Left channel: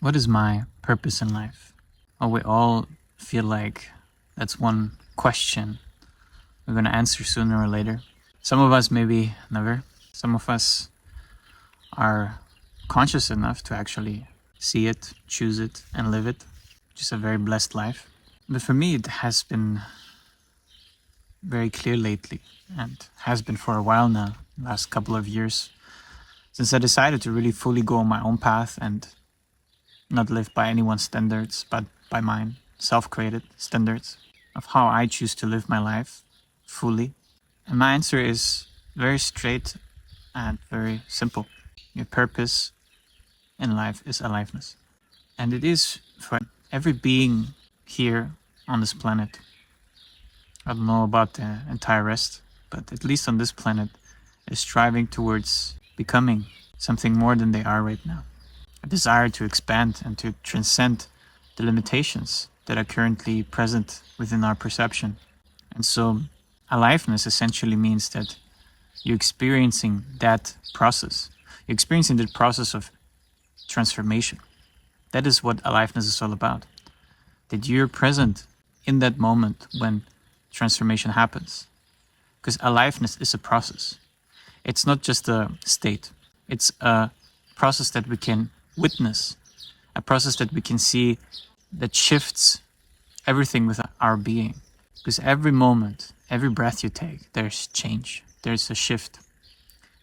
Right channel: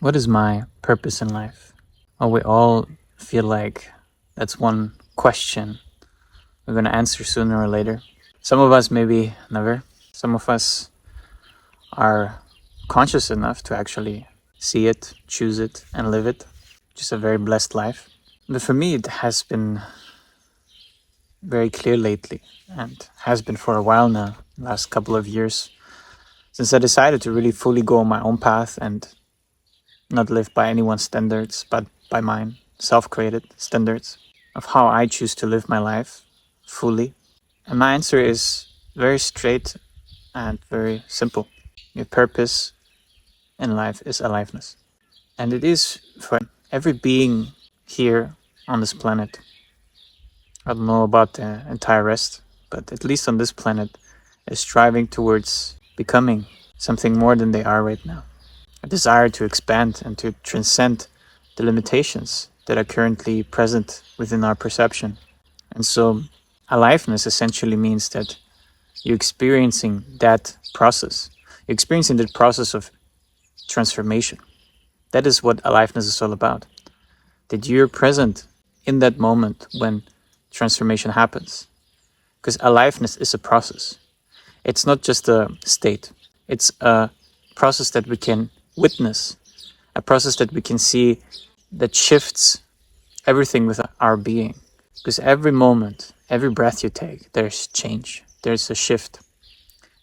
What is my purpose in life? Oh, we all feel like that's one question we're going to answer sooner or later. Some of us maybe never. Some of us are conscious enough to actually see it, choose it, and live it. Just a very blessed life. But for me, it has been very clear lately, and has been for a while now, last couple of years, since I decided to really fully go on my own path and not live by anyone's standards, but by mine, self-created standards of how I choose to live my life fully. And my answer is very straight and very simple. Your purpose in life is aliveness. And it is for every being here on this planet. I don't know about the entire rest, but at least on this planet, is striving towards becoming something more than they are right now. A desire to expand and to transcend the limitations that are currently present within our perception. And so aliveness essentially means that you're experiencing that process. You're experiencing the process of transformation. That is what aliveness is all about. That you're present in that moment when transformation happens. Because aliveness is a process. It's not just a state. It's a process that we can witness, a process that we can see that shifts everything with our being. Because every moment, every breath you take, there's change, there's a shift.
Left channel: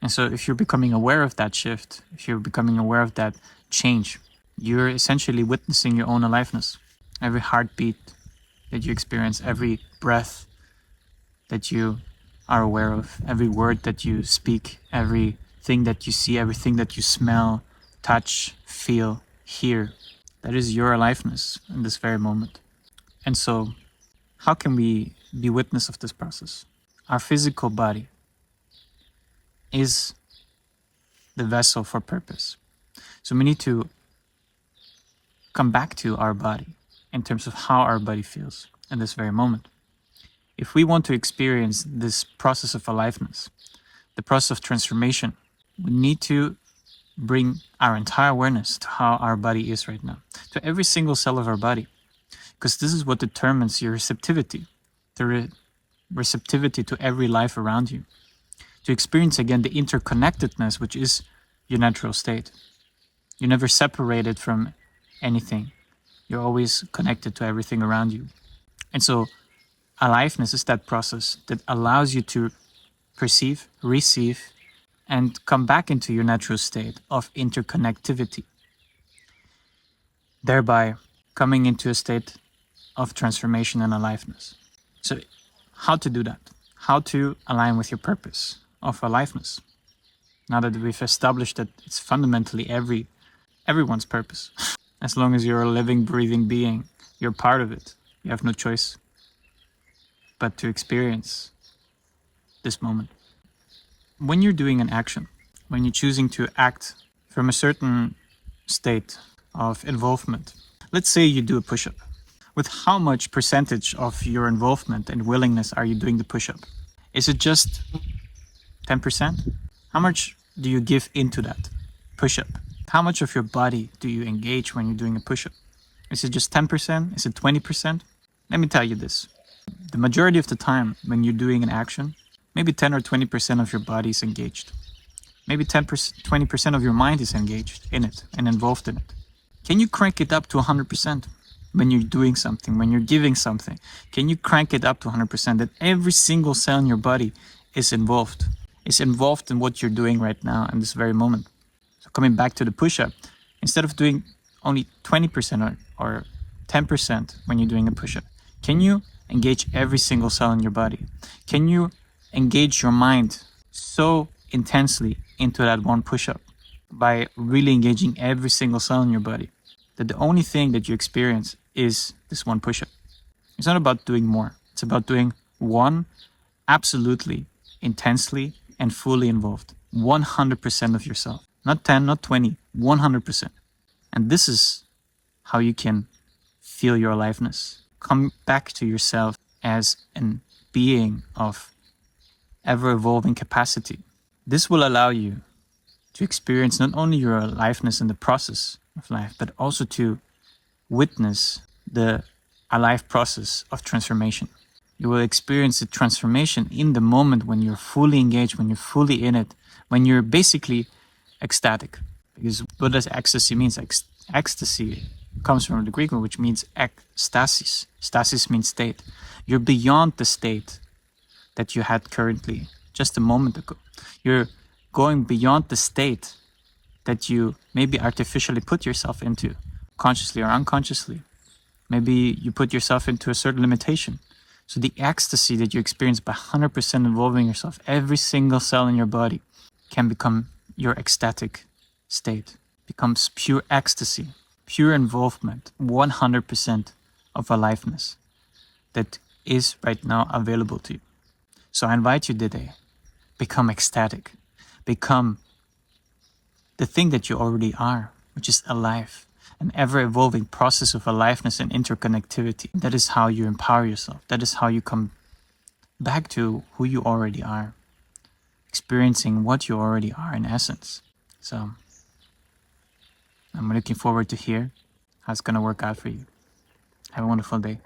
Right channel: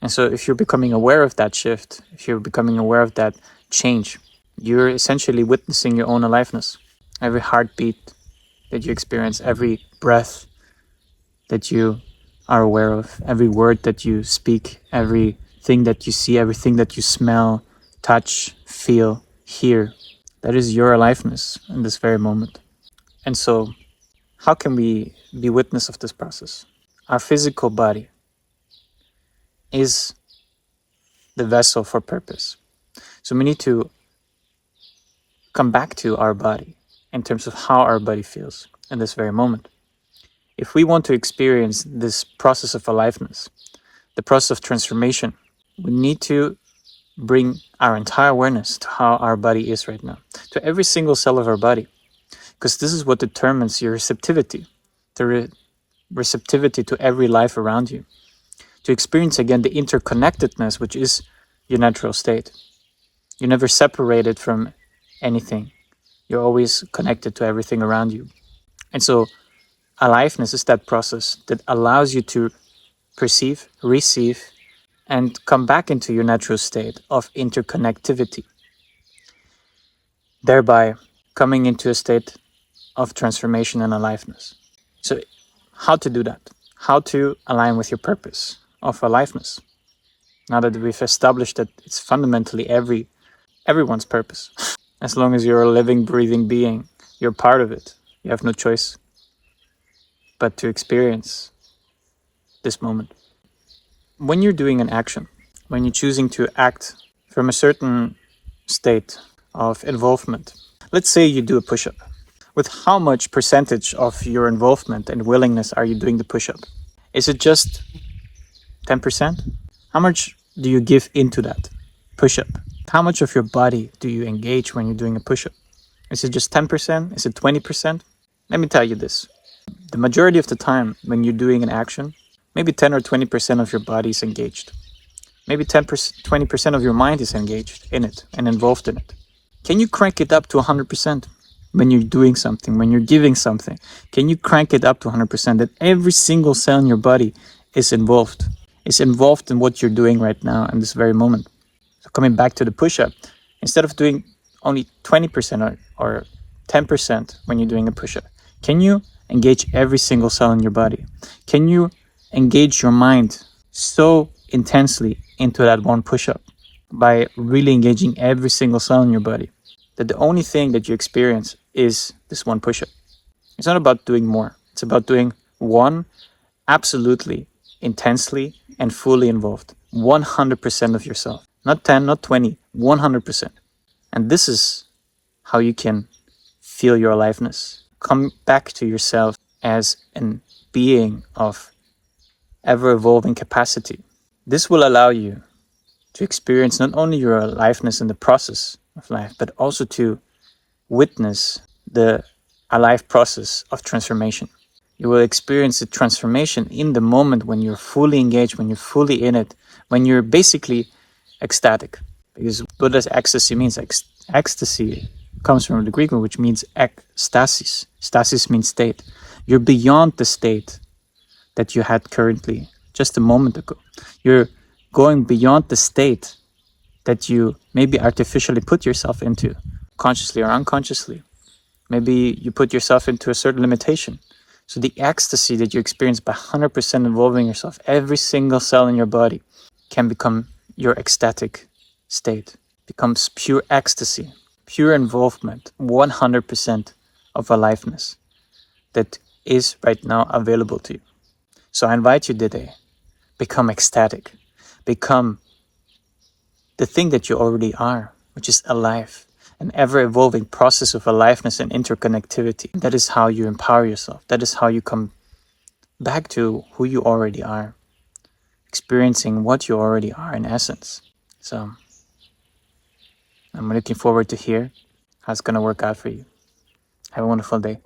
And so if you're becoming aware of that shift, if you're becoming aware of that change, you're essentially witnessing your own aliveness. Every heartbeat that you experience, every breath that you are aware of, every word that you speak, everything that you see, everything that you smell, touch, feel, hear, that is your aliveness in this very moment. And so, how can we be witness of this process? Our physical body is the vessel for purpose. So we need to come back to our body in terms of how our body feels in this very moment. If we want to experience this process of aliveness, the process of transformation, we need to bring our entire awareness to how our body is right now, to every single cell of our body, because this is what determines your receptivity, the receptivity to every life around you, to experience again the interconnectedness, which is your natural state. You're never separated from anything. You're always connected to everything around you. And so aliveness is that process that allows you to perceive, receive, and come back into your natural state of interconnectivity, thereby coming into a state of transformation and aliveness. So how to do that? How to align with your purpose of aliveness? Now that we've established that it's fundamentally everyone's purpose. As long as you're a living, breathing being, you're part of it. You have no choice but to experience this moment. When you're doing an action, when you're choosing to act from a certain state of involvement, let's say you do a push-up. With how much percentage of your involvement and willingness are you doing the push-up? Is it just 10%? How much do you give into that push-up? How much of your body do you engage when you're doing a push-up? Is it just 10%? Is it 20%? Let me tell you this. The majority of the time when you're doing an action, maybe 10 or 20% of your body is engaged. Maybe 10%, 20% of your mind is engaged in it and involved in it. Can you crank it up to 100% when you're doing something, when you're giving something? Can you crank it up to 100% that every single cell in your body is involved in what you're doing right now in this very moment? So coming back to the push-up, instead of doing only 20% or 10% when you're doing a push-up, can you engage every single cell in your body? Can you engage your mind so intensely into that one push-up by really engaging every single cell in your body that the only thing that you experience is this one push-up? It's not about doing more. It's about doing one absolutely intensely and fully involved, 100% of yourself. Not 10, not 20, 100%. And this is how you can feel your aliveness. Come back to yourself as a being of ever-evolving capacity. This will allow you to experience not only your aliveness in the process of life, but also to witness the alive process of transformation. You will experience the transformation in the moment when you're fully engaged, when you're fully in it, when you're basically ecstatic. Because Buddha's ecstasy means ecstasy comes from the Greek word, which means ekstasis. Stasis means state. You're beyond the state that you had currently just a moment ago. You're going beyond the state that you maybe artificially put yourself into, consciously or unconsciously. Maybe you put yourself into a certain limitation. So the ecstasy that you experience by 100% involving yourself, every single cell in your body can become your ecstatic state, becomes pure ecstasy, pure involvement, 100% of aliveness that is right now available to you. So I invite you today, become ecstatic, become the thing that you already are, which is alive, an ever-evolving process of aliveness and interconnectivity. That is how you empower yourself. That is how you come back to who you already are, experiencing what you already are in essence. So I'm looking forward to hear how it's going to work out for you. Have a wonderful day.